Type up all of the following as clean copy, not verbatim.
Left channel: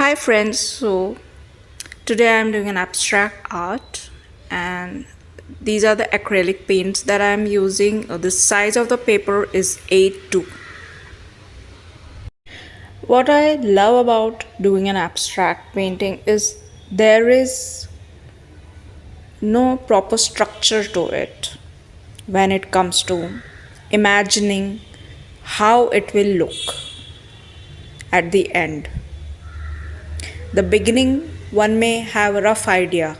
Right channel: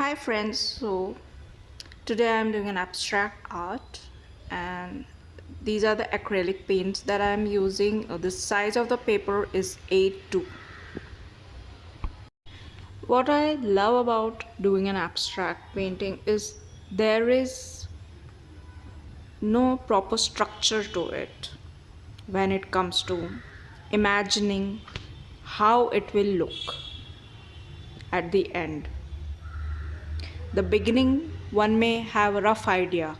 Hi friends, so today I'm doing an abstract art and these are the acrylic paints that I'm using. The size of the paper is A2. What I love about doing an abstract painting is there is no proper structure to it when it comes to imagining how it will look at the end. The beginning, one may have a rough idea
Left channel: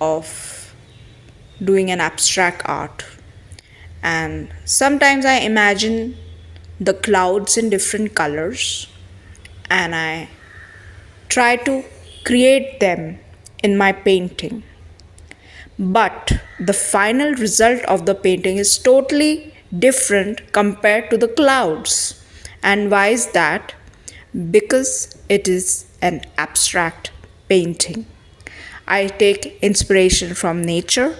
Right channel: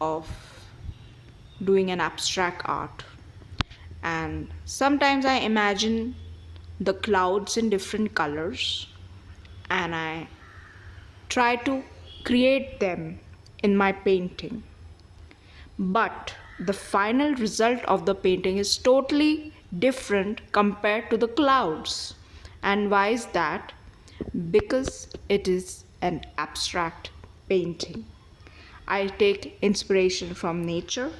of doing an abstract art. And sometimes I imagine the clouds in different colors and I try to create them in my painting. But the final result of the painting is totally different compared to the clouds. And why is that? Because it is an abstract painting. I take inspiration from nature,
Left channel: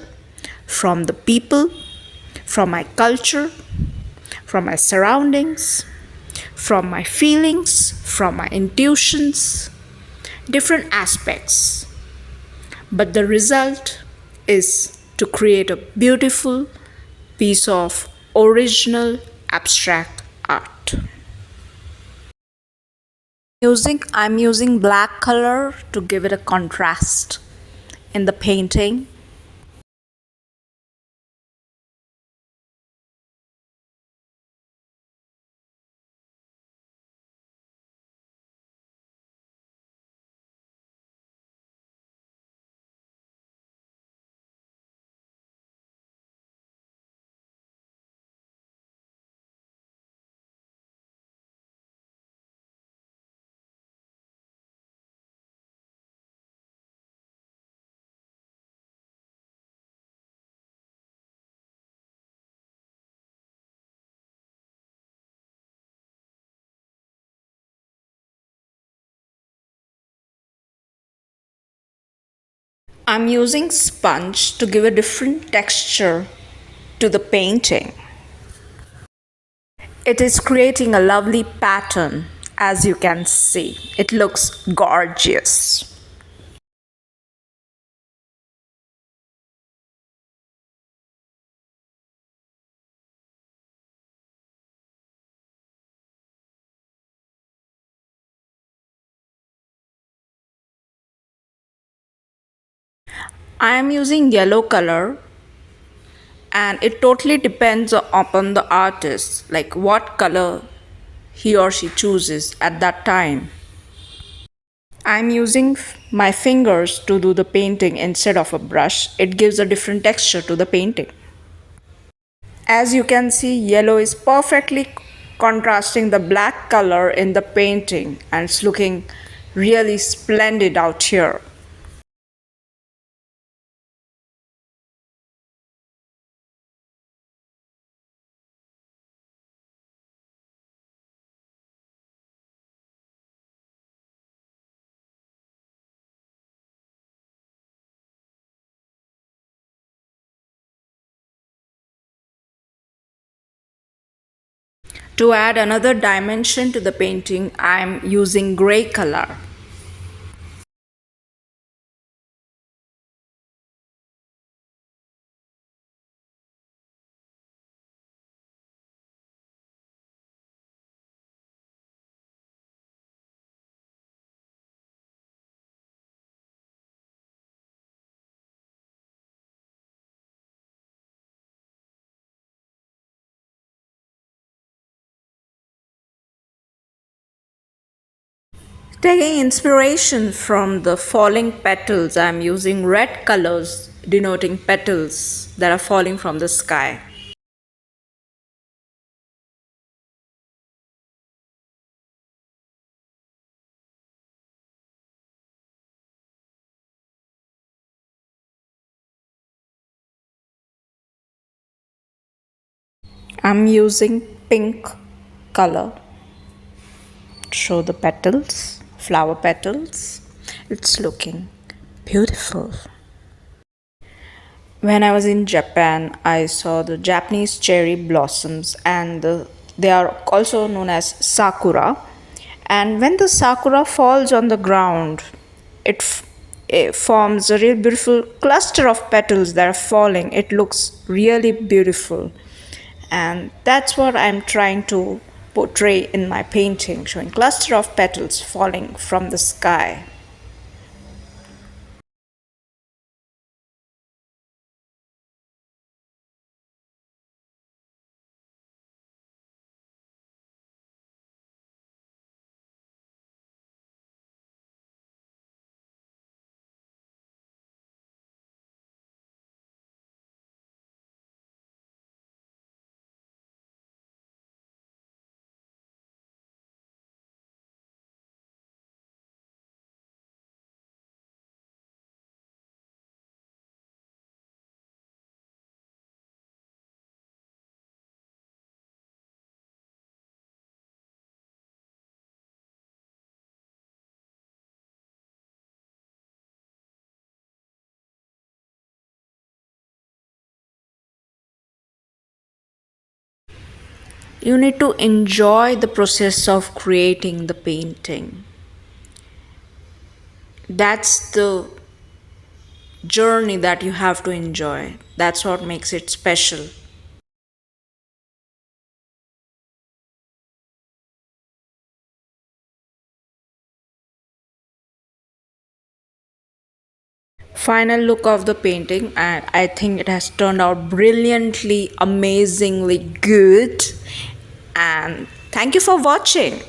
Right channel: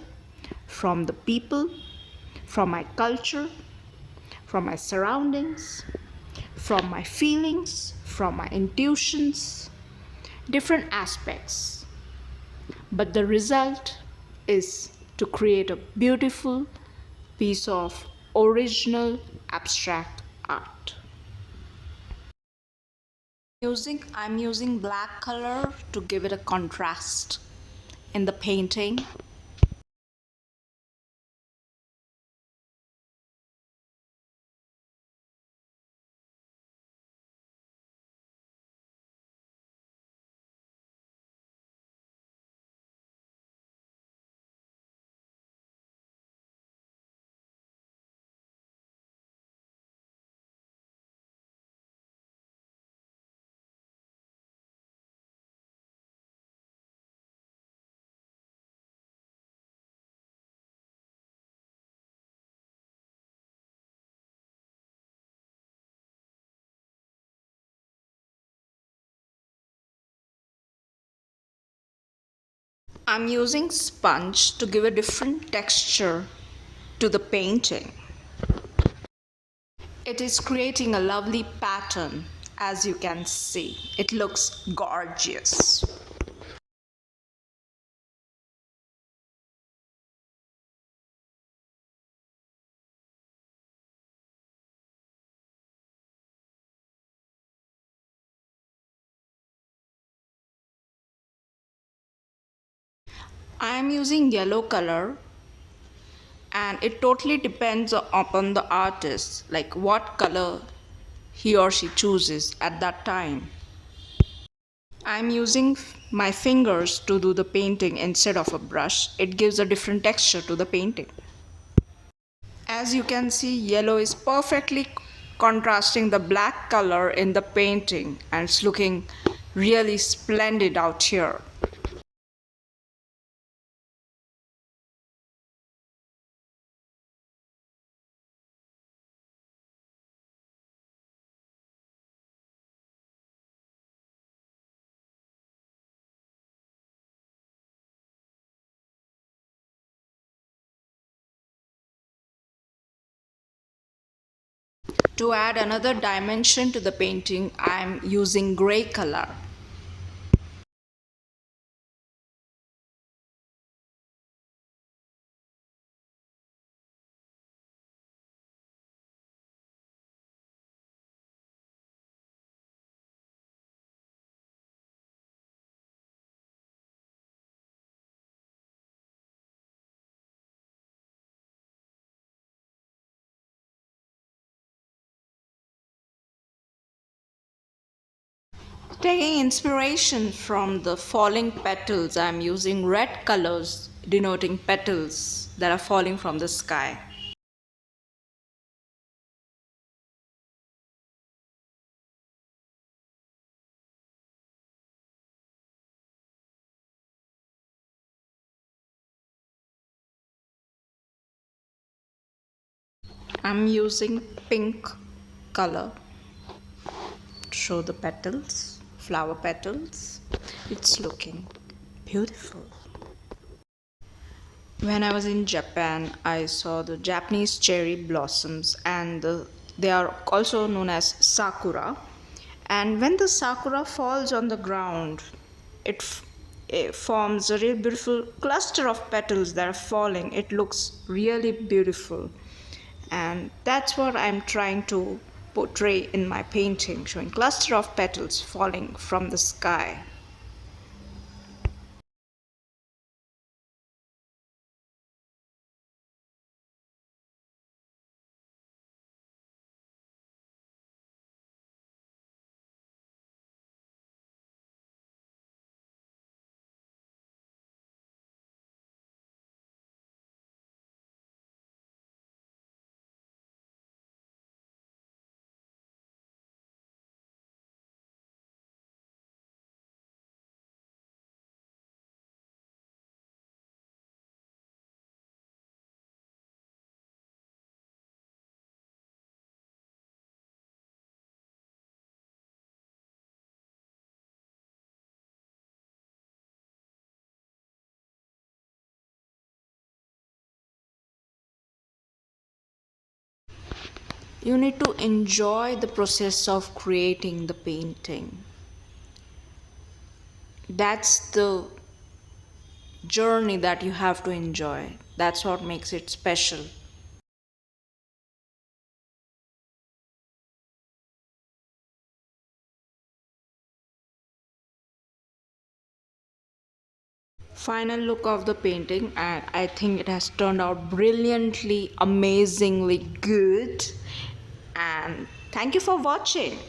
from the people, from my culture, from my surroundings, from my feelings, from my intuitions, different aspects. But the result is to create a beautiful piece of original abstract art. I'm using black color to give it a contrast in the painting. I'm using sponge to give a different texture to the painting. It is creating a lovely pattern, as you can see. It looks gorgeous. I am using yellow color and it totally depends upon the artist, like what color he or she chooses at that time. I'm using my fingers to do the painting instead of a brush. It gives a different texture to the painting. As you can see, yellow is perfectly contrasting the black color in the painting and it's looking really splendid out here. To add another dimension to the painting, I'm using gray color. Taking inspiration from the falling petals, I'm using red colors denoting petals that are falling from the sky. I'm using pink color to show the petals, flower petals. It's looking beautiful. When I was in Japan, I saw the Japanese cherry blossoms, and they are also known as sakura. And when the sakura falls on the ground, it forms a real beautiful cluster of petals that are falling. It looks really beautiful. And that's what I'm trying to portray in my painting, showing cluster of petals falling from the sky. You need to enjoy the process of creating the painting. That's the journey that you have to enjoy. That's what makes it special. Final look of the painting, and I think it has turned out brilliantly, amazingly good. And thank you for watching.